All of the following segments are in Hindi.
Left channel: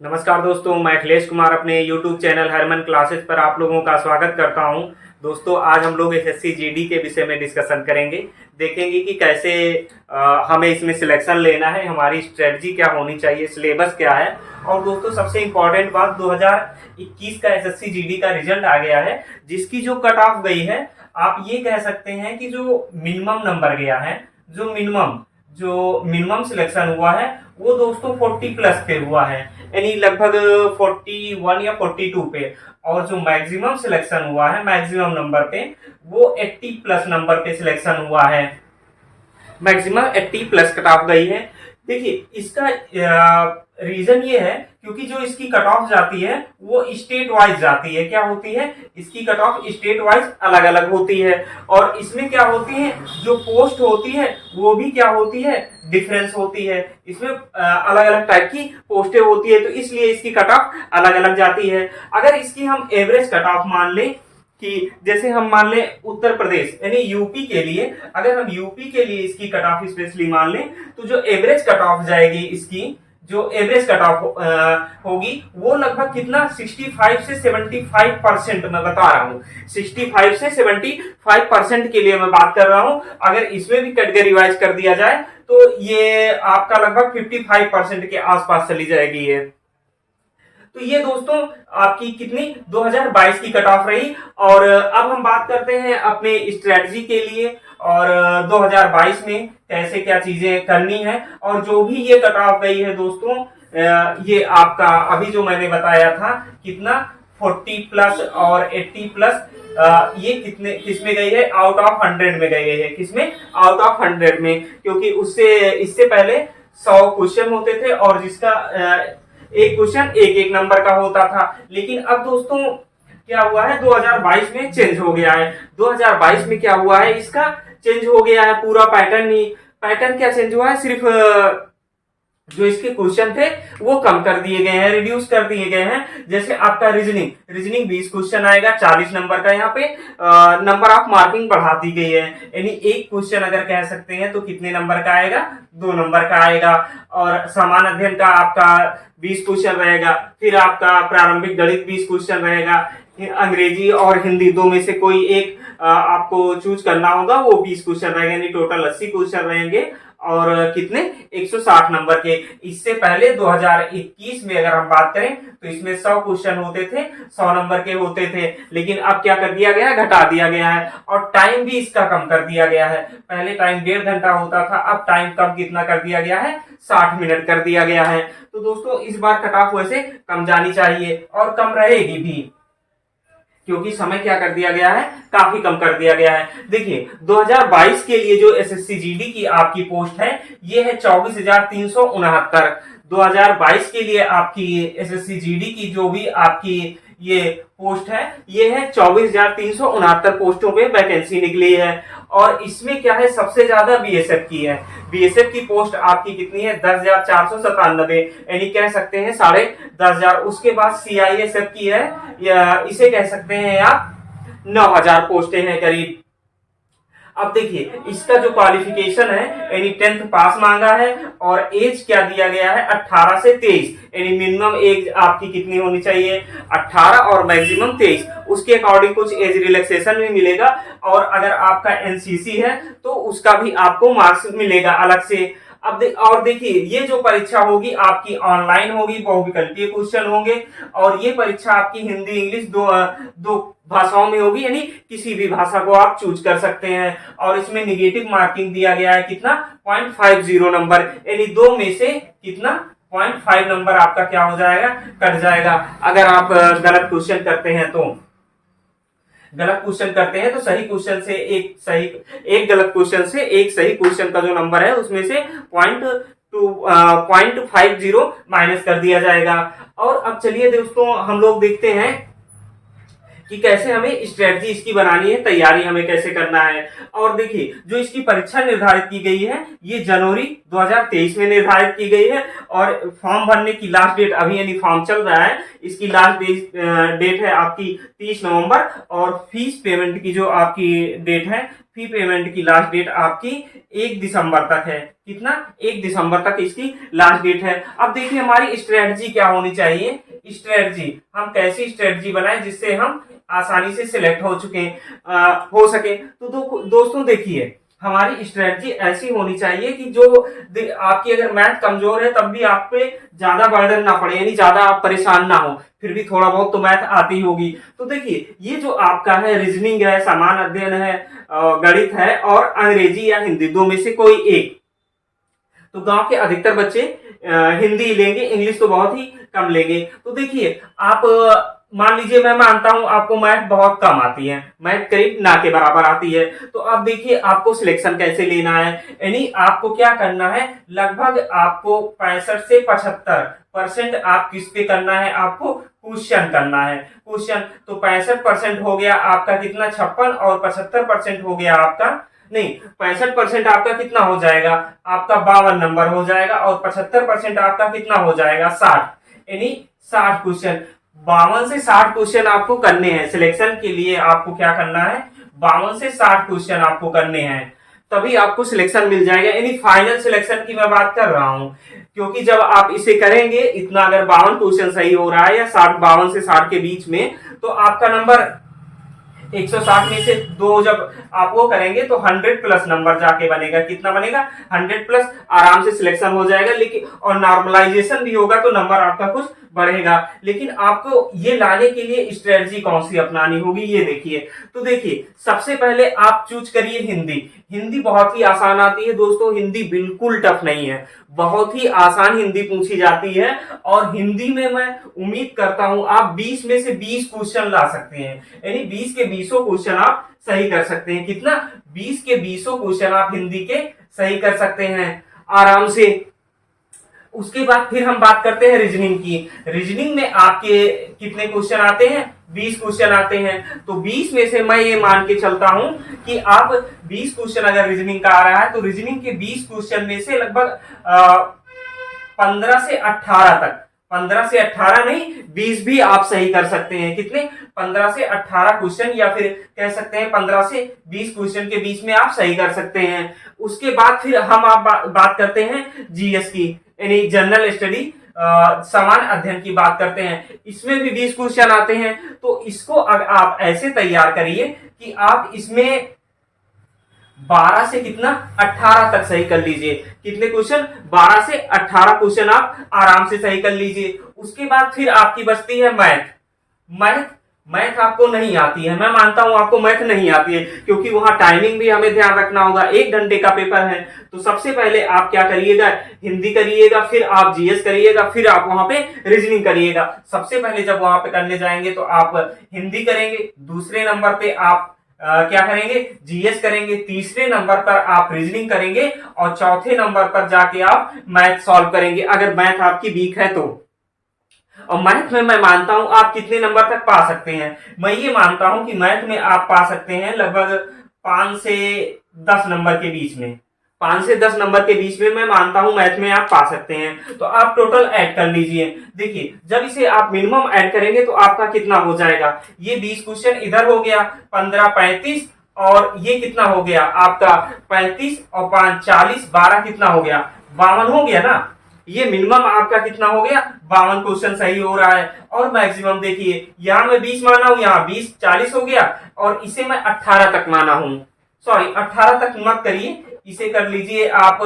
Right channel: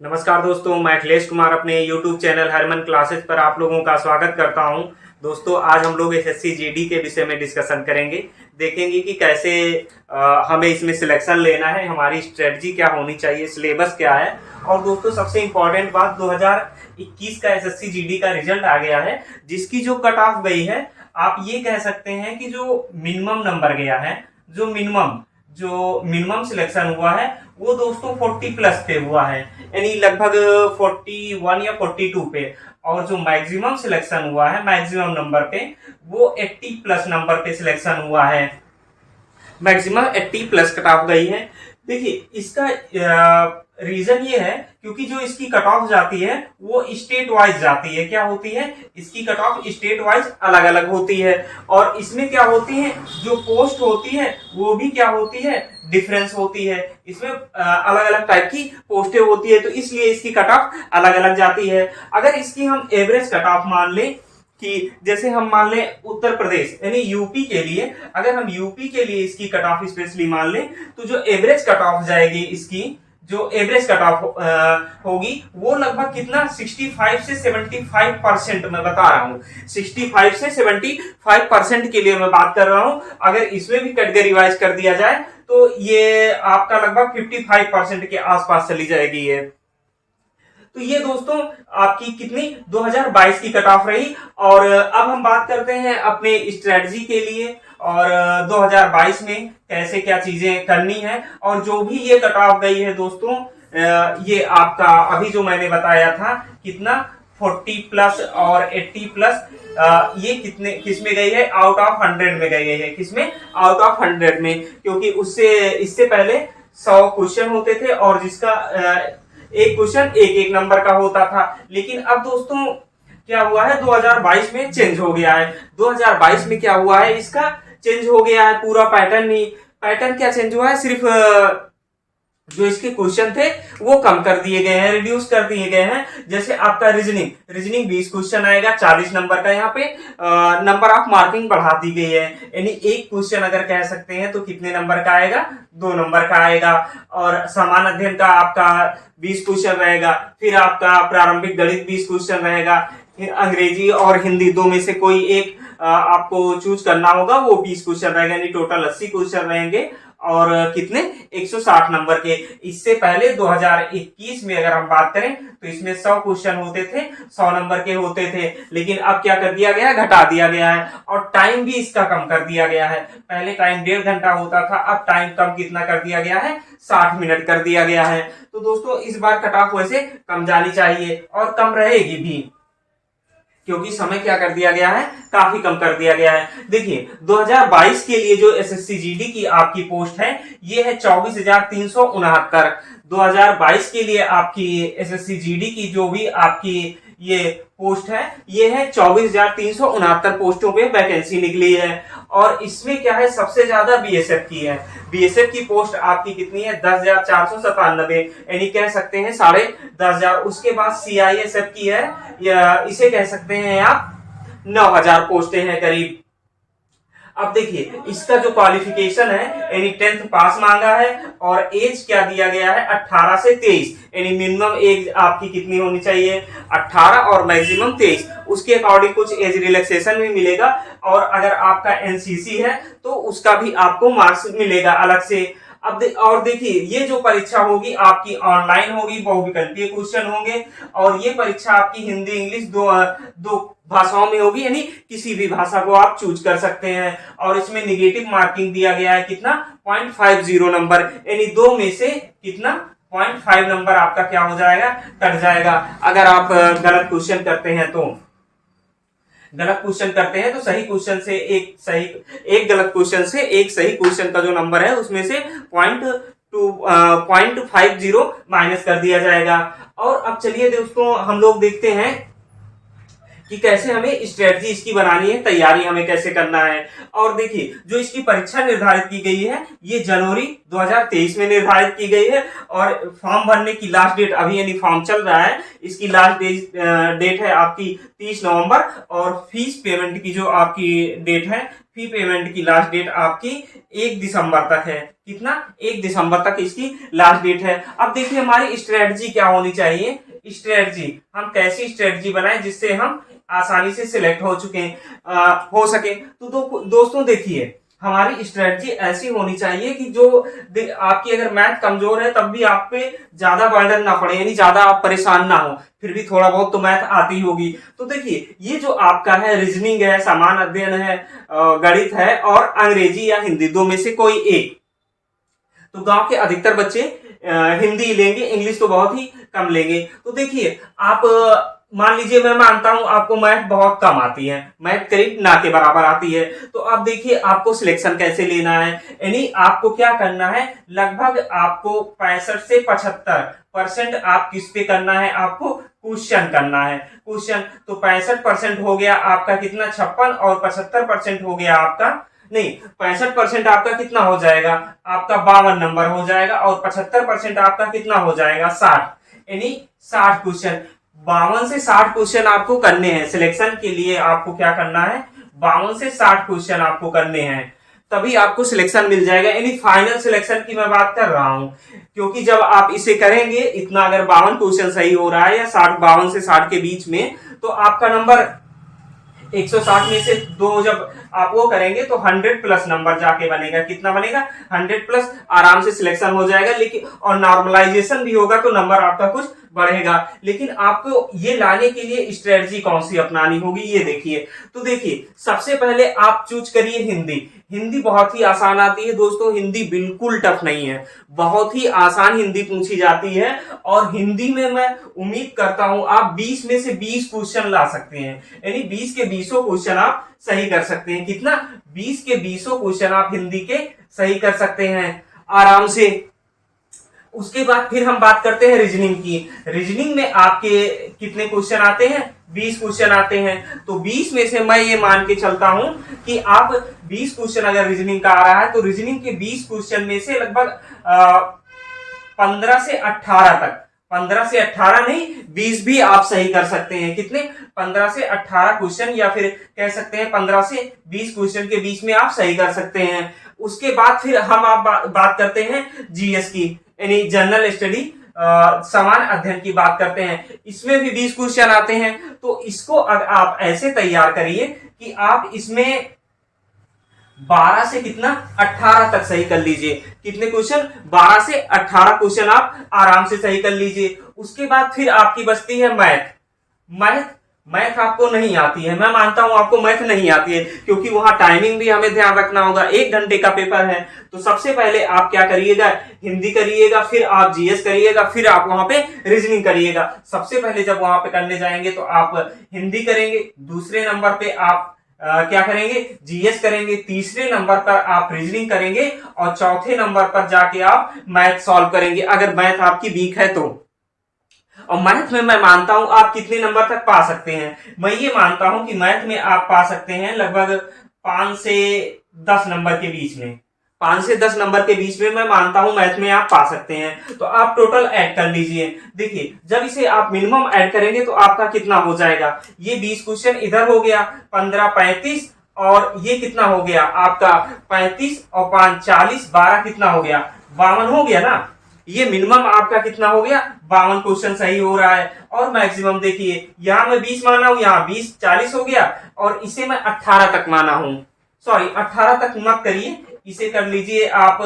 नमस्कार दोस्तों, मैं अखिलेश कुमार अपने YouTube चैनल हरमन क्लासेस पर आप लोगों का स्वागत करता हूं। दोस्तों, आज हम लोग एसएससी जीडी के विषय में डिस्कशन करेंगे। देखेंगे कि कैसे हमें इसमें सिलेक्शन लेना है, हमारी स्ट्रेटजी क्या होनी चाहिए, सिलेबस क्या है। और दोस्तों, सबसे इम्पोर्टेंट बात, 2021 का एसएससी जीडी का रिजल्ट आ गया है, जिसकी जो कट ऑफ गई है, आप ये कह सकते हैं कि जो मिनिमम नंबर गया है, जो मिनिमम सिलेक्शन हुआ है वो दोस्तों 40 प्लस पे हुआ है, यानी लगभग 41 या 42 पे। और जो मैक्सिमम सिलेक्शन हुआ है मैक्सिमम नंबर पे, वो 80 प्लस नंबर पे सिलेक्शन हुआ है। मैक्सिमम 80 प्लस कट ऑफ गई है। देखिए, इसका रीजन ये है क्योंकि जो इसकी कट ऑफ जाती है वो स्टेट वाइज जाती है। क्या होती है? इसकी कट ऑफ स्टेट वाइज अलग अलग होती है। और इसमें क्या होती है, जो पोस्ट होती है वो भी क्या होती है, डिफरेंस होती है। इसमें अलग अलग टाइप की पोस्टें होती है, तो इसलिए इसकी कट ऑफ अलग अलग जाती है। अगर इसकी हम एवरेज कट ऑफ मान लें कि जैसे हम मान लें उत्तर प्रदेश यानी यूपी के लिए, अगर हम यूपी के लिए इसकी कट ऑफ स्पेशली मान लें, तो जो एवरेज कट ऑफ जाएगी, इसकी जो एवरेज कट ऑफ होगी वो लगभग कितना 65 से 75% मैं बता रहा हूं। 65 से 75% के लिए मैं बात कर रहा हूं। अगर इसमें भी कैटेगरी वाइज कर दिया जाए तो ये आपका लगभग 55% के आसपास चली जाएगी ये। तो ये दोस्तों आपकी कितनी 2022 की कट ऑफ रही। और अब हम बात करते हैं अपने स्ट्रेटजी के लिए और 2022 में कैसे क्या चीजें करनी है। और जो भी ये कट ऑफ गई है दोस्तों, ये आपका अभी जो मैंने बताया था कितना 40 प्लस और 80 प्लस, ये किसमें गई है, आउट ऑफ 100 में गई है। किसमें? आउट ऑफ 100 में, क्योंकि इससे पहले 100 क्वेश्चन होते थे और जिसका एक क्वेश्चन एक नंबर का होता था। लेकिन अब दोस्तों क्या हुआ है, 2022 में चेंज हो गया है। 2022 में क्या हुआ है, इसका चेंज हो गया है पूरा पैटर्न ही। पैटर्न क्या चेंज हुआ है, सिर्फ जो इसके क्वेश्चन थे वो कम कर दिए गए हैं, रिड्यूस कर दिए गए हैं। जैसे आपका रीजनिंग 20 क्वेश्चन आएगा, 40 नंबर का। यहाँ पे नंबर ऑफ मार्किंग बढ़ा दी गई है, यानी एक क्वेश्चन अगर कह सकते हैं तो कितने नंबर का आएगा, 2 नंबर का आएगा। और सामान्य अध्ययन का आपका 20 क्वेश्चन रहेगा। फिर आपका प्रारंभिक गणित 20 क्वेश्चन रहेगा। अंग्रेजी और हिंदी दो में से कोई एक आपको चूज करना होगा, वो 20 क्वेश्चन रहेंगे, यानी टोटल 80 क्वेश्चन रहेंगे। और कितने 160 नंबर के। इससे पहले 2021 में अगर हम बात करें तो इसमें 100 क्वेश्चन होते थे, 100 नंबर के होते थे। लेकिन अब क्या कर दिया गया है, घटा दिया गया है। और टाइम भी इसका कम कर दिया गया है। पहले टाइम 1.5 घंटा होता था, अब टाइम कम कितना कर दिया गया है, 60 मिनट कर दिया गया है। तो दोस्तों इस बार कट ऑफ वैसे कम जानी चाहिए और कम रहेगी भी, क्योंकि समय क्या कर दिया गया है, काफी कम कर दिया गया है। देखिए 2022 के लिए जो एसएससी जीडी की आपकी पोस्ट है ये है 24,369। 2022 के लिए आपकी एसएससी जीडी की जो भी आपकी ये पोस्ट है, ये है 24,369 पोस्टों पे वैकेंसी निकली है। और इसमें क्या है, सबसे ज्यादा बीएसएफ की है। बीएसएफ की पोस्ट आपकी कितनी है, 10,497, यानी कह सकते हैं 10,500। उसके बाद सीआईएसएफ की है, या इसे कह सकते हैं आप 9,000 पोस्टें हैं करीब। अब देखिए इसका जो क्वालिफिकेशन है, यानी 10th पास मांगा है। और एज क्या दिया गया है, 18 से 23, यानी मिनिमम एज आपकी कितनी होनी चाहिए, 18 और मैक्सिमम 23। उसके अकॉर्डिंग कुछ एज रिलैक्सेशन भी मिलेगा। और अगर आपका एनसीसी है तो उसका भी आपको मार्क्स मिलेगा अलग से। और देखिए ये जो परीक्षा होगी आपकी ऑनलाइन होगी, बहुविकल्पीय क्वेश्चन होंगे। और ये परीक्षा आपकी हिंदी इंग्लिश दो भाषाओं में होगी, यानी किसी भी भाषा को आप चूज कर सकते हैं। और इसमें निगेटिव मार्किंग दिया गया है कितना, 0.50 नंबर, यानी 2 में से कितना 0.5 नंबर आपका क्या हो जाएगा, कट जाएगा। अगर आप गलत क्वेश्चन करते हैं तो सही क्वेश्चन से एक गलत क्वेश्चन से एक सही क्वेश्चन का जो नंबर है उसमें से 0.50 माइनस कर दिया जाएगा। और अब चलिए दोस्तों हम लोग देखते हैं कि कैसे हमें स्ट्रेटजी इसकी बनानी है, तैयारी हमें कैसे करना है। और देखिए जो इसकी परीक्षा निर्धारित की गई है ये जनवरी 2023 में निर्धारित की गई है, और फॉर्म भरने की लास्ट डेट अभी यानी फॉर्म चल रहा है, इसकी लास्ट डेट है आपकी 30 नवंबर, और फीस पेमेंट की जो आपकी डेट है, फी पेमेंट की लास्ट डेट आपकी 1 दिसंबर तक है। कितना? 1 दिसंबर तक इसकी लास्ट डेट है। अब देखिए हमारी स्ट्रेटजी क्या होनी चाहिए। स्ट्रेटजी हम कैसी स्ट्रेटजी बनाएं जिससे हम आसानी से सिलेक्ट हो सके। तो दोस्तों देखिए हमारी स्ट्रेटजी ऐसी होनी चाहिए कि जो आपकी अगर मैथ कमजोर है तब भी आप पे ज्यादा बर्डन ना पड़े, यानी ज्यादा आप परेशान ना हो, फिर भी थोड़ा बहुत तो मैथ आती होगी। तो देखिए ये जो आपका है रीजनिंग है, सामान्य अध्ययन है, गणित है और अंग्रेजी या हिंदी, दो में से कोई एक। तो गांव के अधिकतर बच्चे हिंदी लेंगे, इंग्लिश तो बहुत ही कम लेंगे। तो देखिए आप मान लीजिए मैं मानता हूं आपको मैथ बहुत कम आती है, मैथ करीब ना के बराबर आती है, तो अब देखिए आपको सिलेक्शन कैसे लेना है। यानी आपको क्या करना है, लगभग आपको 65 से 75% आप किस पे करना है, आपको क्वेश्चन करना है। क्वेश्चन तो 65% हो गया आपका कितना, 56, और 75% हो गया आपका, नहीं 65% आपका कितना हो जाएगा, आपका 52 नंबर हो जाएगा, और 75% आपका कितना हो जाएगा, 60, यानी 60 क्वेश्चन। 52 से 60 क्वेश्चन आपको करने हैं सिलेक्शन के लिए। आपको क्या करना है, 52 से 60 क्वेश्चन आपको करने हैं, तभी आपको सिलेक्शन मिल जाएगा। यानी फाइनल सिलेक्शन की मैं बात कर रहा हूं, क्योंकि जब आप इसे करेंगे इतना, अगर 52 क्वेश्चन सही हो रहा है या 52 से 60 के बीच में, तो आपका नंबर 160 में से 2 जब आप वो करेंगे तो 100 प्लस नंबर जाके बनेगा। कितना बनेगा, 100 प्लस, आराम से सिलेक्शन हो जाएगा। लेकिन और नॉर्मलाइजेशन भी होगा तो नंबर आपका कुछ बढ़ेगा। लेकिन आपको ये लाने के लिए स्ट्रेटजी कौन सी अपनानी होगी, ये देखिए। तो देखिए सबसे पहले आप चूज करिए हिंदी। हिंदी बहुत ही आसान आती है दोस्तों, हिंदी बिल्कुल टफ नहीं है, बहुत ही आसान हिंदी पूछी जाती है। और हिंदी में मैं उम्मीद करता हूं आप 20 में से 20 क्वेश्चन ला सकते हैं, यानी 20 के 20 क्वेश्चन आप सही कर सकते हैं। कितना, 20 के 20 क्वेश्चन आप हिंदी के सही कर सकते हैं आराम से। उसके बाद फिर हम बात करते हैं रीजनिंग की। रीजनिंग में आपके कितने क्वेश्चन आते हैं, 20 क्वेश्चन आते हैं। तो 20 में से मैं ये मान के चलता हूं कि आप 20 क्वेश्चन अगर रीजनिंग का आ रहा है तो रीजनिंग के 20 क्वेश्चन में से लगभग 15 से 18 तक, 15 से 18 नहीं 20 भी आप सही कर सकते हैं। कितने, 15 से 18 क्वेश्चन, या फिर कह सकते हैं 15 से 20 क्वेश्चन के बीच में आप सही कर सकते हैं। उसके बाद फिर हम आप बात करते हैं जीएस की, यानी जनरल स्टडी, समान अध्ययन की बात करते हैं। इसमें भी 20 क्वेश्चन आते हैं। तो इसको अगर आप ऐसे तैयार करिए कि आप इसमें 12 से कितना, 18 तक सही कर लीजिए। कितने क्वेश्चन, 12 से 18 क्वेश्चन आप आराम से सही कर लीजिए। उसके बाद फिर आपकी बचती है मैथ। मैथ आपको नहीं आती है, मैं मानता हूं आपको मैथ नहीं आती है, क्योंकि वहां टाइमिंग भी हमें ध्यान रखना होगा, 1 घंटे का पेपर है। तो सबसे पहले आप क्या करिएगा, हिंदी करिएगा, फिर आप जीएस करिएगा, फिर आप वहां पे रीजनिंग करिएगा। सबसे पहले जब वहां पे करने जाएंगे तो आप हिंदी करेंगे, दूसरे नंबर पे आप क्या करेंगे, जीएस करेंगे, तीसरे नंबर पर आप रीजनिंग करेंगे, और चौथे नंबर पर जाके आप मैथ सॉल्व करेंगे, अगर मैथ आपकी वीक है तो। और मैथ में मैं मानता हूं आप कितने नंबर तक पा सकते हैं, मैं ये मानता हूं कि मैथ में आप पा सकते हैं लगभग 5 से 10 नंबर के बीच में। 5 से 10 नंबर के बीच में मैं मानता हूं मैथ में आप पा सकते हैं। तो आप टोटल ऐड कर लीजिए। देखिए जब इसे आप मिनिमम ऐड करेंगे तो आपका कितना हो जाएगा, ये 20 क्वेश्चन इधर हो गया, 15 35, और ये कितना हो गया आपका 35 और 5 40, 12 कितना हो गया, 52 हो गया ना। ये मिनिमम आपका कितना हो गया, 52 क्वेश्चन सही हो रहा है। और मैक्सिमम देखिए यहां मैं 20 माना हूं, यहां 20 40 हो गया, और इसे मैं 18 तक माना हूं। सॉरी 18 तक मत करिए, इसे कर लीजिए आप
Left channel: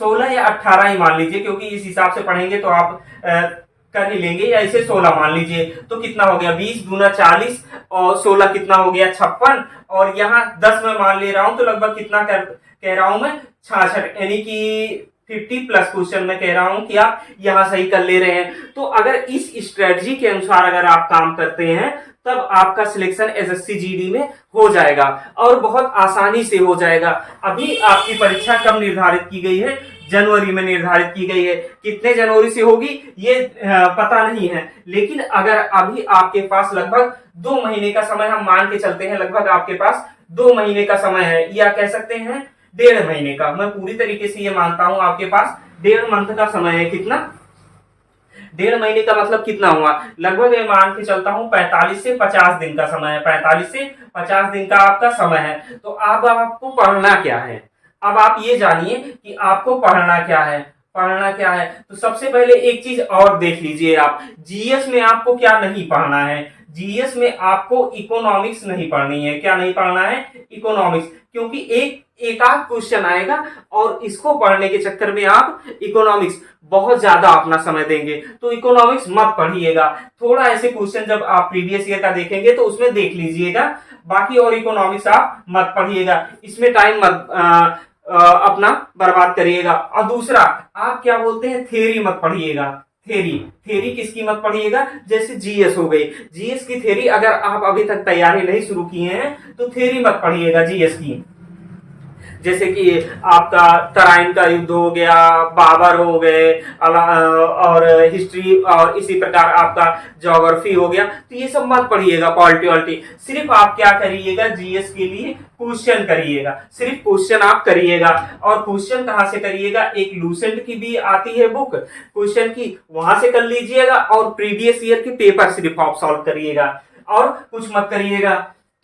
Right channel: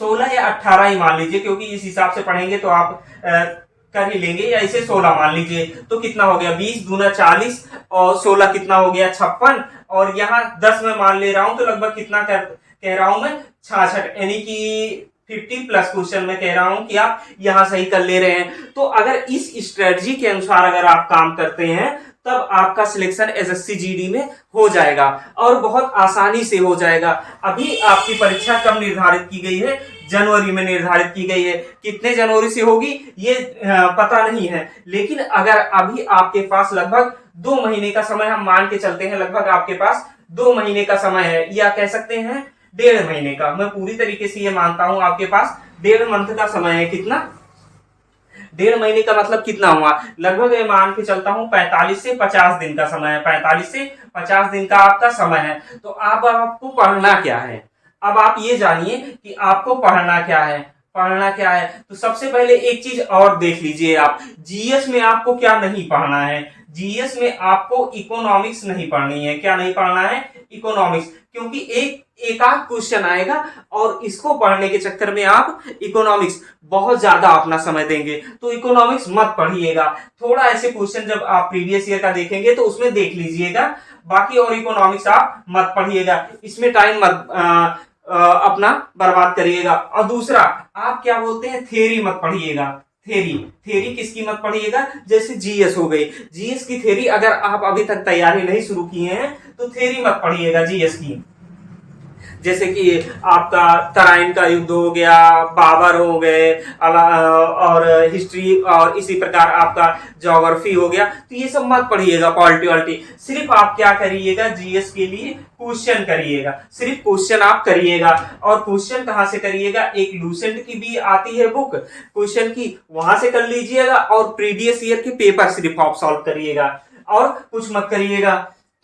16 या 18 ही मान लीजिए, क्योंकि इस हिसाब से पढ़ेंगे तो आप कर ही लेंगे। या इसे 16 मान लीजिए, तो कितना हो गया, 20 दूना 40, और 16 कितना हो गया 56, और यहाँ 10 में मान ले रहा हूं तो लगभग कितना कह रहा हूं मैं, 66, यानी कि 50 प्लस क्वेश्चन में कह रहा हूं कि आप यहां सही कर ले रहे हैं। तो अगर इस स्ट्रेटजी के अनुसार अगर आप काम करते हैं तब आपका सिलेक्शन एसएससी जीडी में हो जाएगा और बहुत आसानी से हो जाएगा। अभी आपकी परीक्षा कब निर्धारित की गई है? जनवरी में निर्धारित की गई है। कितने जनवरी से होगी ये पता नहीं है, लेकिन अगर अभी आपके पास लगभग 2 महीने का समय, हम मान के चलते हैं लगभग आपके पास 2 महीने का समय है, या कह सकते हैं 1.5 महीने का, मैं पूरी तरीके से ये मानता हूं आपके पास 1.5 मंथ का समय है। कितना? 1.5 महीने का मतलब कितना हुआ? लगभग मैं मान के चलता हूं 45 से 50 दिन का समय है। 45 से 50 दिन का आपका समय है। तो अब आपको पढ़ना क्या है? अब आप ये जानिए कि आपको पढ़ना क्या है। पढ़ना क्या है तो सबसे पहले एक चीज और देख लीजिए आप, जीएस में आपको क्या नहीं पढ़ना है। जीएस में आपको इकोनॉमिक्स नहीं पढ़नी है। क्या नहीं पढ़ना है? इकोनॉमिक्स, क्योंकि एक आध क्वेश्चन आएगा और इसको पढ़ने के चक्कर में आप इकोनॉमिक्स बहुत ज्यादा अपना समय देंगे, तो इकोनॉमिक्स मत पढ़िएगा। थोड़ा ऐसे क्वेश्चन जब आप प्रीवियस ईयर का देखेंगे तो उसमें देख लीजिएगा, बाकी और इकोनॉमिक्स आप मत पढ़िएगा, इसमें टाइम मत अपना बर्बाद करिएगा। और दूसरा, आप क्या बोलते हैं, थ्योरी मत पढ़िएगा। थ्योरी किसकी मत पढ़िएगा? जैसे जीएस हो गई, जीएस की थ्योरी अगर आप अभी तक तैयारी नहीं शुरू किए हैं तो थ्योरी मत पढ़िएगा जीएस की। जैसे कि आपका तराइन का युद्ध हो गया, बाबर हो गए, और हिस्ट्री, और इसी प्रकार आपका ज्योग्राफी हो गया, तो ये सब मत पढ़िएगा। पॉलिटी वॉलिटी सिर्फ आप क्या करिएगा, जीएस के लिए क्वेश्चन करिएगा, सिर्फ क्वेश्चन आप करिएगा। और क्वेश्चन कहाँ से करिएगा? एक लूसेंट की भी आती है बुक क्वेश्चन की, वहां से कर लीजिएगा, और प्रीवियस ईयर के पेपर सिर्फ आप सॉल्व करिएगा और कुछ मत करिएगा।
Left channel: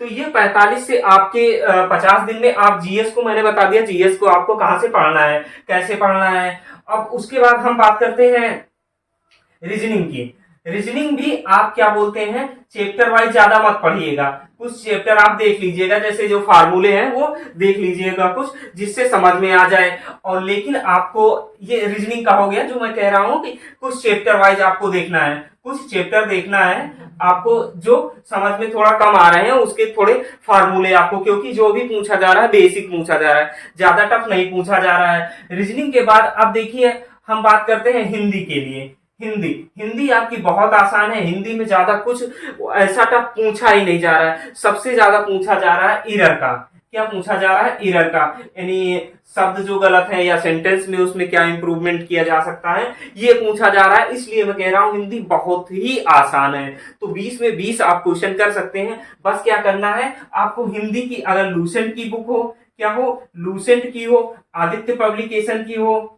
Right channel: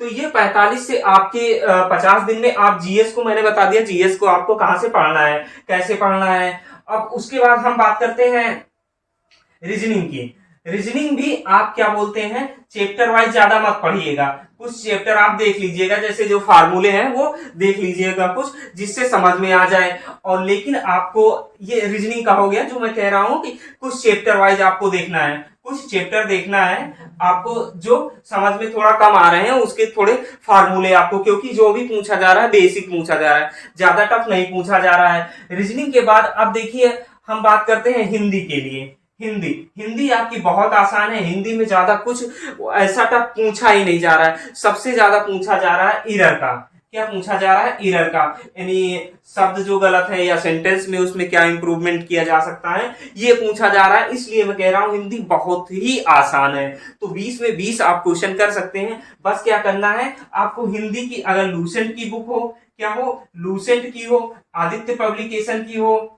तो ये 45 से आपके 50 दिन में आप जीएस को, मैंने बता दिया जीएस को आपको कहां से पढ़ना है, कैसे पढ़ना है। अब उसके बाद हम बात करते हैं रीजनिंग की। रीजनिंग भी आप क्या बोलते हैं, चैप्टर वाइज ज्यादा मत पढ़िएगा, कुछ चैप्टर आप देख लीजिएगा, जैसे जो फार्मूले हैं वो देख लीजिएगा कुछ, जिससे समझ में आ जाए। और लेकिन आपको ये रीजनिंग का हो गया, जो मैं कह रहा हूं कि कुछ चैप्टर वाइज आपको देखना है, कुछ चैप्टर देखना है आपको जो समझ में थोड़ा कम आ रहे हैं, उसके थोड़े फार्मूले आपको, क्योंकि जो भी पूछा जा रहा है बेसिक पूछा जा रहा है, ज्यादा टफ नहीं पूछा जा रहा है। रीजनिंग के बाद अब देखिए हम बात करते हैं हिंदी के लिए। हिंदी आपकी बहुत आसान है। हिंदी में ज्यादा कुछ ऐसा टफ पूछा ही नहीं जा रहा है। सबसे ज्यादा पूछा जा रहा है ईरर का। क्या पूछा जा रहा है? ईरर का, यानी शब्द जो गलत है या सेंटेंस में उसमें क्या इंप्रूवमेंट किया जा सकता है, ये पूछा जा रहा है। इसलिए मैं कह रहा हूं हिंदी बहुत ही आसान है। तो 20 में 20 आप क्वेश्चन कर सकते हैं। बस क्या करना है आपको, हिंदी की अगर लूसेंट की बुक हो, क्या हो, लूसेंट की हो, आदित्य पब्लिकेशन की हो,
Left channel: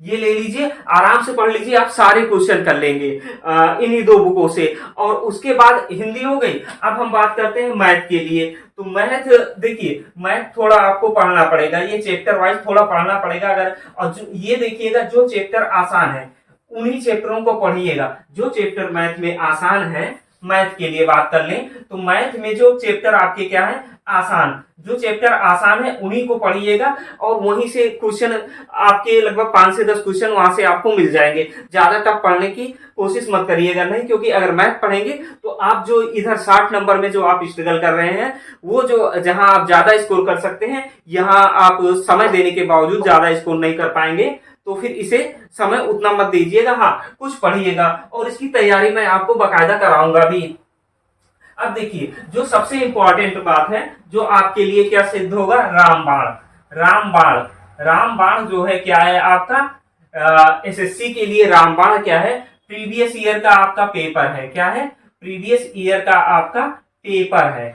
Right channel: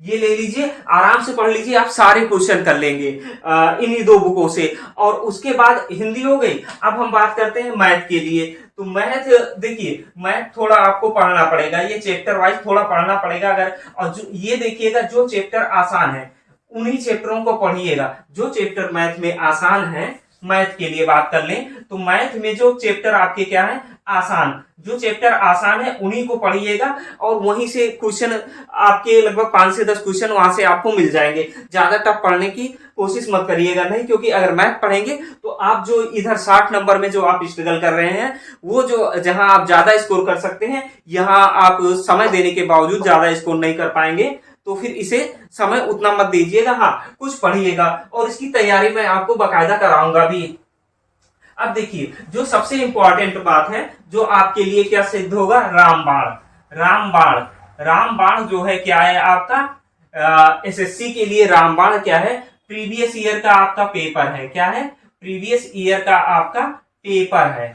ये ले लीजिए, आराम से पढ़ लीजिए, आप सारे क्वेश्चन कर लेंगे इन्हीं 2 बुकों से। और उसके बाद हिंदी हो गई। अब हम बात करते हैं मैथ के लिए। तो मैथ देखिए, मैथ थोड़ा आपको पढ़ना पड़ेगा, ये चैप्टर वाइज थोड़ा पढ़ना पड़ेगा। अगर और जो ये देखिएगा, जो चैप्टर आसान है उन्हीं चैप्टरों को पढ़िएगा। जो चैप्टर मैथ में आसान है, मैथ के लिए बात कर लें तो मैथ में जो चैप्टर आपके क्या है, आसान, जो चैप्टर आसान है उन्हीं को पढ़िएगा। और वहीं से क्वेश्चन आपके लगभग 5 से 10 क्वेश्चन वहां से आपको मिल जाएंगे। ज्यादा टफ पढ़ने की कोशिश मत करिएगा, नहीं, क्योंकि अगर मैथ पढ़ेंगे तो आप जो इधर 60 नंबर में जो आप स्ट्रगल कर रहे हैं, वो जो जहां आप ज्यादा स्कोर कर सकते हैं, यहाँ आप समय देने के बावजूद ज्यादा स्कोर नहीं कर पाएंगे। तो फिर इसे समय उतना मत दीजिएगा, हाँ कुछ पढ़िएगा। और इसकी तैयारी मैं आपको बाकायदा कराऊंगा भी। अब देखिए, जो सबसे इंपॉर्टेंट बात है, जो आपके लिए क्या सिद्ध होगा, रामबाण जो है क्या है आपका, एसएससी के लिए रामबाण क्या है, प्रीवियस ईयर का आपका पेपर है। क्या है? प्रीवियस ईयर का आपका पेपर है।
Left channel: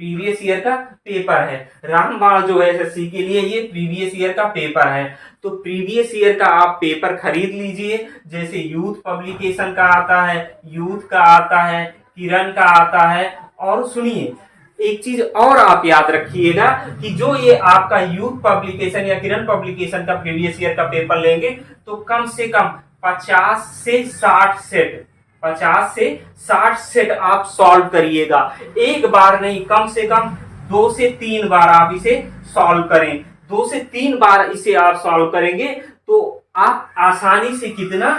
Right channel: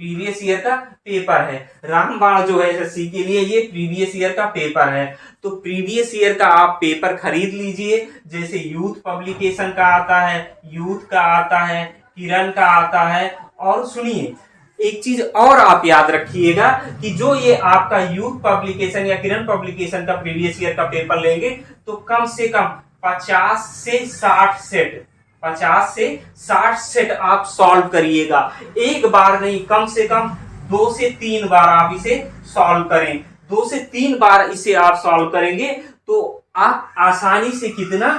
प्रीवियस ईयर का पेपर है रामबाण जो है एसएससी के लिए, ये प्रीवियस ईयर का पेपर है। तो प्रीवियस ईयर का आप पेपर खरीद लीजिए। जैसे यूथ पब्लिकेशन का आता है, यूथ का आता है, किरण का आता है। और सुनिए, एक चीज और आप याद रखिएगा कि जो ये आपका यूथ पब्लिकेशन या किरण पब्लिकेशन का प्रीवियस ईयर का पेपर लेंगे तो कम से कम 50 से 60 सेट, 50 से 60 सेट आप सॉल्व करिएगा। एक बार नहीं, कम से कम 2 से 3 बार आप इसे सॉल्व करें। 2 से 3 बार इसे आप सॉल्व करेंगे तो आप आसानी से कितना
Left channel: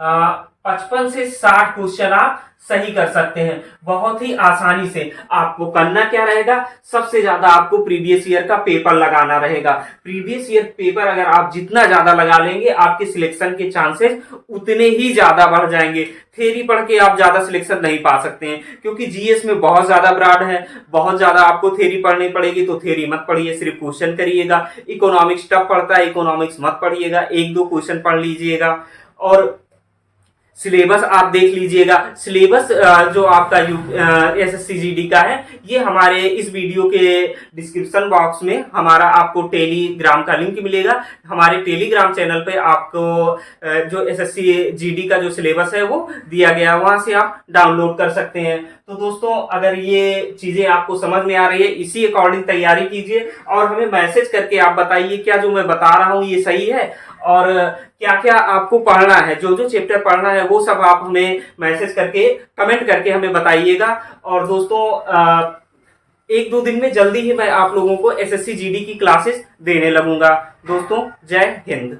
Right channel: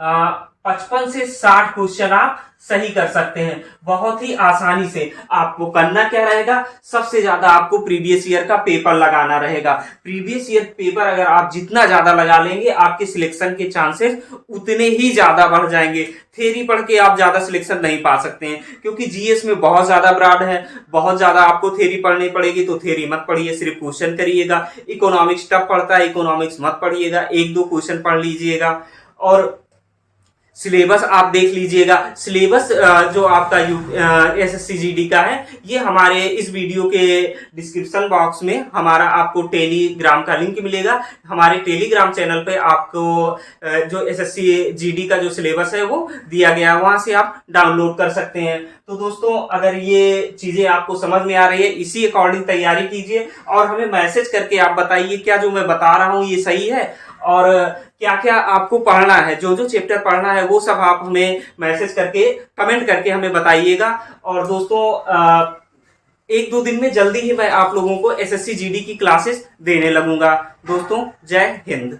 55 से 60 क्वेश्चन आप सही कर सकते हैं बहुत ही आसानी से। आपको करना क्या रहेगा, सबसे ज्यादा आपको प्रीवियस ईयर का पेपर लगाना रहेगा। प्रीवियस ईयर पेपर अगर आप जितना ज्यादा लगा लेंगे आपके सिलेक्शन के चांसेस उतने ही ज्यादा बढ़ जाएंगे। थ्योरी पढ़ के आप ज्यादा सिलेक्शन नहीं पा सकते हैं, क्योंकि जीएस में बहुत ज्यादा ब्रॉड है, बहुत ज्यादा आपको थ्योरी पढ़नी पड़ेगी। तो थ्योरी मत पढ़िए, सिर्फ क्वेश्चन करिएगा। इकोनॉमिक्स टफ पड़ता है, इकोनॉमिक्स मत पढ़िएगा, 1-2 क्वेश्चन पढ़ लीजिएगा। और सिलेबस आप देख लीजिएगा। सिलेबस जो आपका एसएससी जीडी का है, ये हमारे इस वीडियो के डिस्क्रिप्शन बॉक्स में हमारा आपको टेलीग्राम का लिंक मिलेगा। हमारे टेलीग्राम चैनल पे आपको जो एसएससी जीडी का जो सिलेबस है वो दिया गया है, वहां से आप डाउनलोड कर सकते हैं। तो दोस्तों, अगर ये चीजें आपको समझ में आ रही है, इसी अकॉर्डिंग तैयारी कीजिए और हमें मैसेज करके आप बताइए क्या जो मैं बता रहा हूँ ये सही है और क्या क्या आपको पढ़ना है, जो जो चैप्टर पढ़ना है वो सब आप हमें मैसेज करके कमेंट करके हमें बताइएगा। और दोस्तों, 1-2 दिन में जल्दी ही मैं आप लोगों को एसएससी जीडी की क्लासेस देने लगूंगा। दोस्तों, जय हिंद।